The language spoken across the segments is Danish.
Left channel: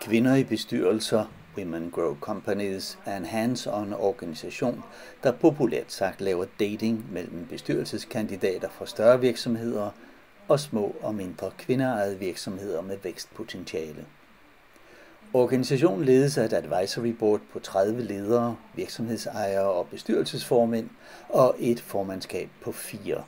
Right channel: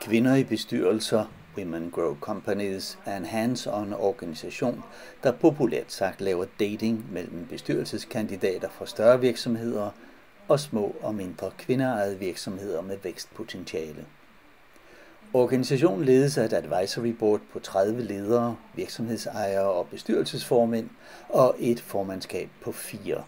Kvinder i bestyrelser, Women Grow Companies, er en hands-on organisation, der populært sagt laver dating mellem bestyrelseskandidater fra større virksomheder og små og mindre kvindeejede virksomheder med vækstpotentiale. Organisationen ledes af et advisory board på 30 ledere, virksomhedsejere og bestyrelsesformænd og et formandskab på 4.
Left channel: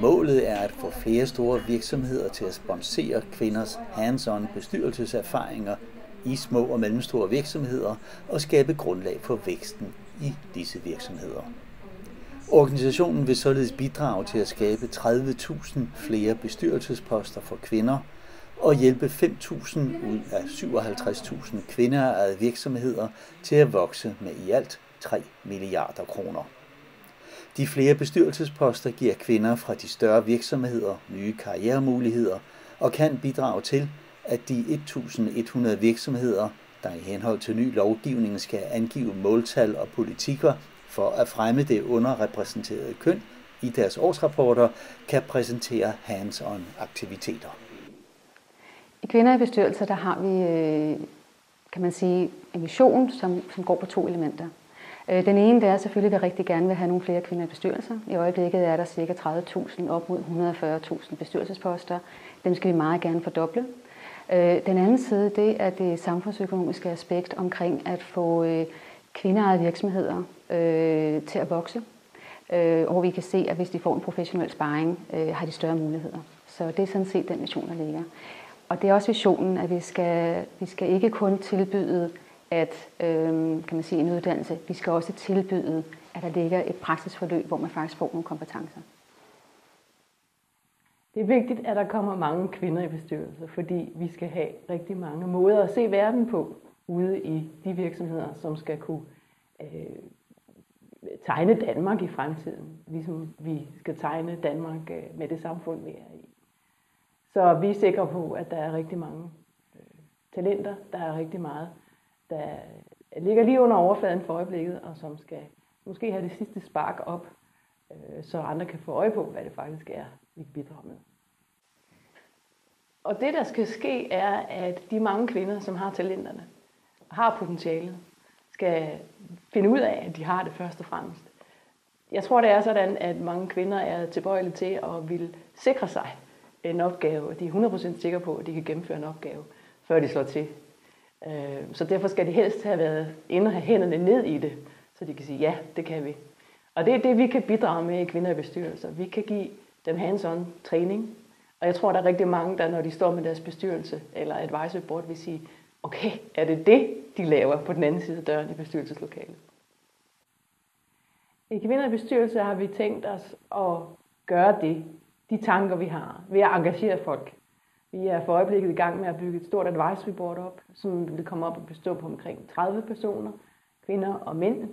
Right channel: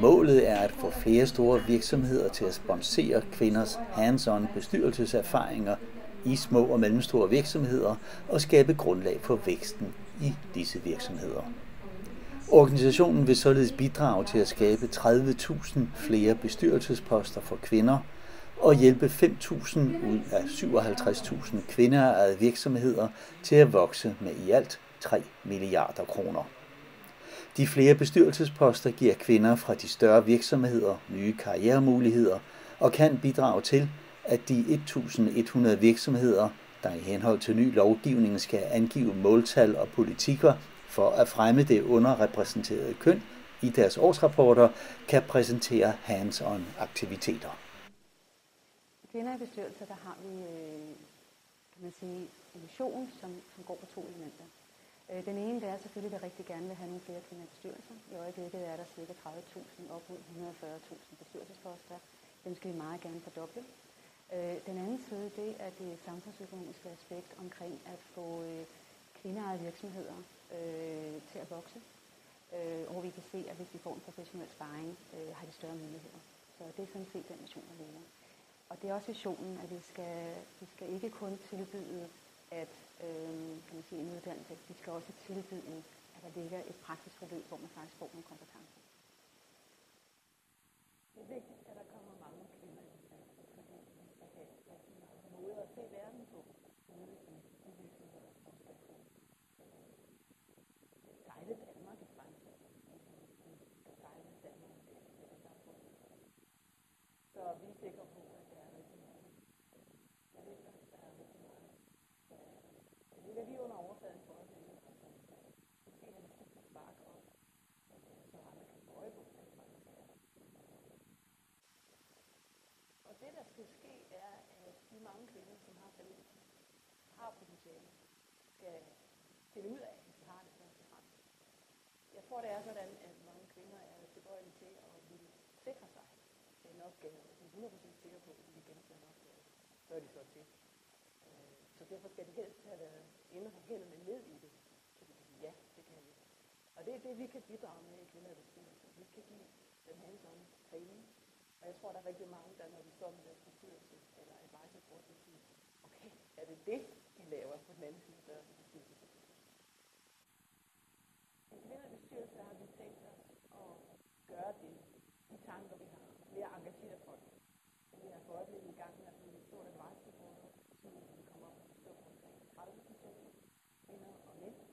Målet er at få flere store virksomheder til at sponsere kvinders hands-on bestyrelseserfaringer i små og mellemstore virksomheder og skabe grundlag for væksten i disse virksomheder. Organisationen vil således bidrage til at skabe 30.000 flere bestyrelsesposter for kvinder og hjælpe 5.000 ud af 57.000 kvindeejede virksomheder til at vokse med i alt 3 milliarder kroner. De flere bestyrelsesposter giver kvinder fra de større virksomheder nye karrieremuligheder og kan bidrage til, at de 1.100 virksomheder, der i henhold til ny lovgivning skal angive måltal og politikker for at fremme det underrepræsenterede køn i deres årsrapporter, kan præsentere hands-on aktiviteter. I Kvinder i bestyrelser, der har vi, kan man sige, en vision, som går på 2 elementer. Den ene, det er selvfølgelig, at vi rigtig gerne vil have nogle flere kvinder i bestyrelser. I øjeblikket er der ca. 30.000 op mod 140.000 bestyrelsesposter. Dem skal vi meget gerne fordoble. Den anden side, det er det samfundsøkonomiske aspekt omkring at få kvindeejede virksomheder til at vokse. Og vi kan se, at hvis de får en professionel sparring, har de større muligheder. Så det er sådan set den vision, der ligger. Og det er også visionen, at vi skal ikke kun tilbyde kan man sige, en uddannelse. Vi skal også tilbyde, at der ligger et praksisforløb, hvor man faktisk får nogle kompetencer. Det er vigtigt, at der kommer mange kvinder i bestyrelser, fordi vi skal have rigtig mange måder at se verden på ude i de virksomheder, som skal kunne tegne Danmark i fremtiden, ligesom vi skal tegne Danmark med det samfund, vi er i. Så vi er sikre på, at der er rigtig mange talenter, der er rigtig meget, der ligger lige under overfladen for øjeblikket, og som skal måske have det sidste spark op, så andre kan få øje på, hvad det faktisk er, vi bidrager med. Og det, der skal ske, er, at de mange kvinder, som har talenterne, har potentialet, skal finde ud af, at de har det først og fremmest. Jeg tror, det er sådan, at mange kvinder er tilbøjelige til at vil sikre sig en opgave, og de er 100% sikre på, at de kan gennemføre en opgave, før de slår til. Så derfor skal de helst have været inde og have hænderne ned i det, så de kan sige, ja, det kan vi. Og det er det, vi kan bidrage med i Kvinder i bestyrelser. Vi kan give dem hands-on træning, og jeg tror, der er rigtig mange, der når de står med deres bestyrelse eller advisory board, vil sige, okay, er det det, de laver på den anden side af døren i bestyrelseslokalet? I Kvinder i bestyrelser har vi tænkt os at gøre det, de tanker, vi har, ved at engagere folk. Vi er for øjeblikket i gang med at bygge et stort advisory board op, som vil komme op og bestå på omkring 30 personer, kvinder og mænd,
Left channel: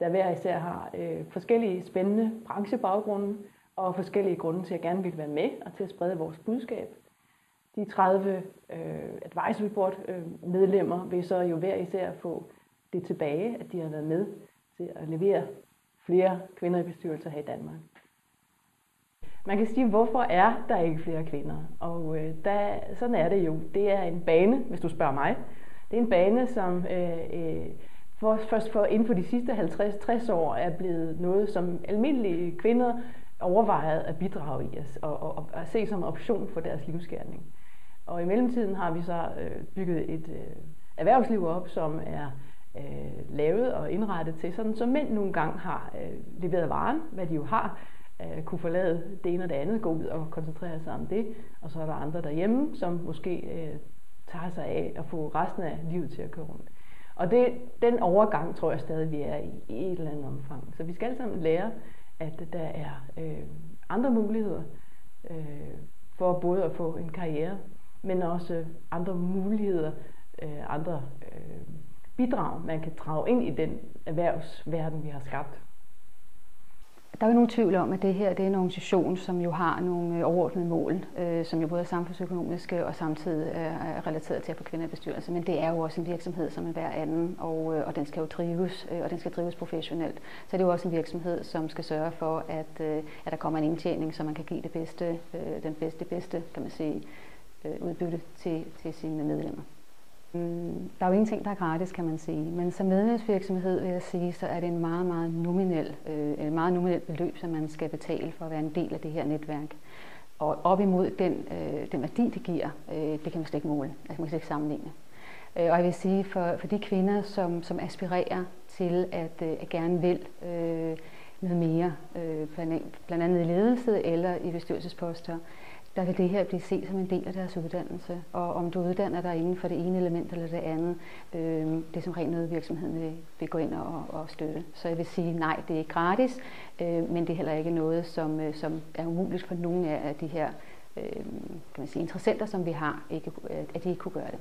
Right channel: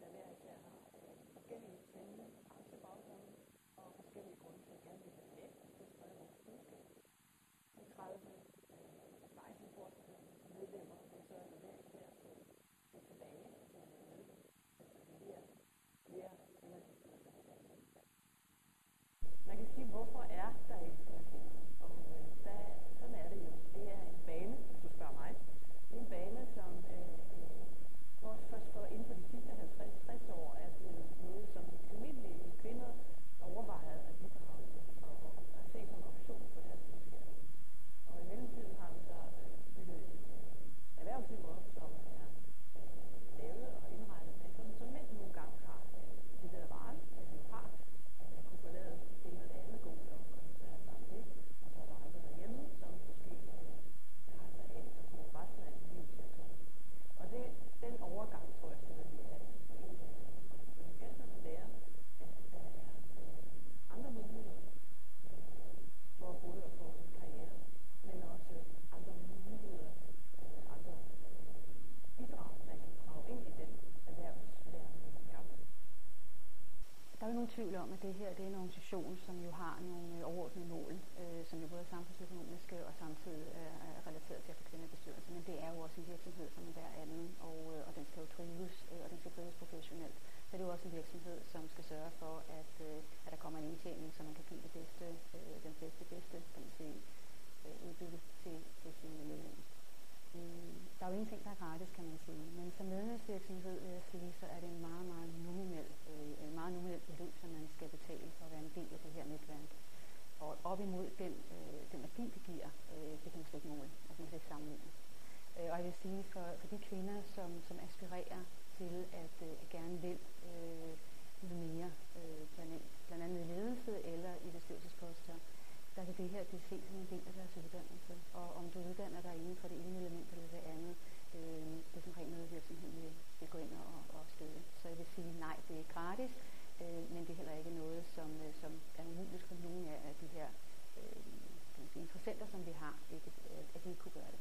der hver især har forskellige spændende branchebaggrunde og forskellige grunde til at gerne vil være med og til at sprede vores budskab. De 30 advisory board medlemmer vil så jo hver især få det tilbage, at de har været med til at levere flere kvinder i bestyrelser her i Danmark. Man kan sige, hvorfor er der ikke flere kvinder? Og sådan er det jo. Det er en bane, hvis du spørger mig. Det er en bane, som først inden for de sidste 50-60 år er blevet noget, som almindelige kvinder overvejet at bidrage i og at se som en option for deres livsgerning. Og i mellemtiden har vi så bygget et erhvervsliv op, som er lavet og indrettet til, sådan så mænd nogle gange har leveret varen, hvad de jo har, kunne forlade det ene og det andet, gå ud og koncentrere sig om det. Og så er der andre derhjemme, som måske tager sig af at få resten af livet til at køre rundt. Og den overgang tror jeg stadig, vi er i et eller andet omfang. Så vi skal alle sammen lære, at der er andre muligheder for både at få en karriere, men også andre muligheder, andre bidrag, man kan drage ind i den erhvervsverden, vi har skabt. Der er jo nogen tvivl om, at det her det er en organisation, som jo har nogle overordnede mål, som jo både er samfundsøkonomiske og samtidig er relateret til at få kvinder i bestyrelse. Men det er jo også en virksomhed som hver anden, og den skal jo drives, og den skal drives professionelt. Så det er jo også en virksomhed, som skal sørge for, at der kommer en indtjening, så man kan give det bedste, kan man sige, udbytte til sine medlemmer. Der er jo ingenting, der er gratis, kan man sige. Men som medlemsvirksomhed vil jeg sige, så er det en meget nominel beløb, som man skal betale for at være en del af det her netværk. Og op imod den værdi, det giver, det kan man slet ikke måle. Altså man kan slet ikke sammenligne. Og jeg vil sige, for de kvinder, som aspirerer til at gerne vil noget mere, blandt andet i ledelse eller i bestyrelsesposter, der vil det her blive set som en del af deres uddannelse. Og om du uddanner dig inden for det ene element eller det andet, det er som rent noget, virksomheden vil gå ind og støtte. Så jeg vil sige, nej, det er ikke gratis, men det er heller ikke noget, som er umuligt for nogle af de her kan man sige, interessenter, som vi har, at de ikke kunne gøre det.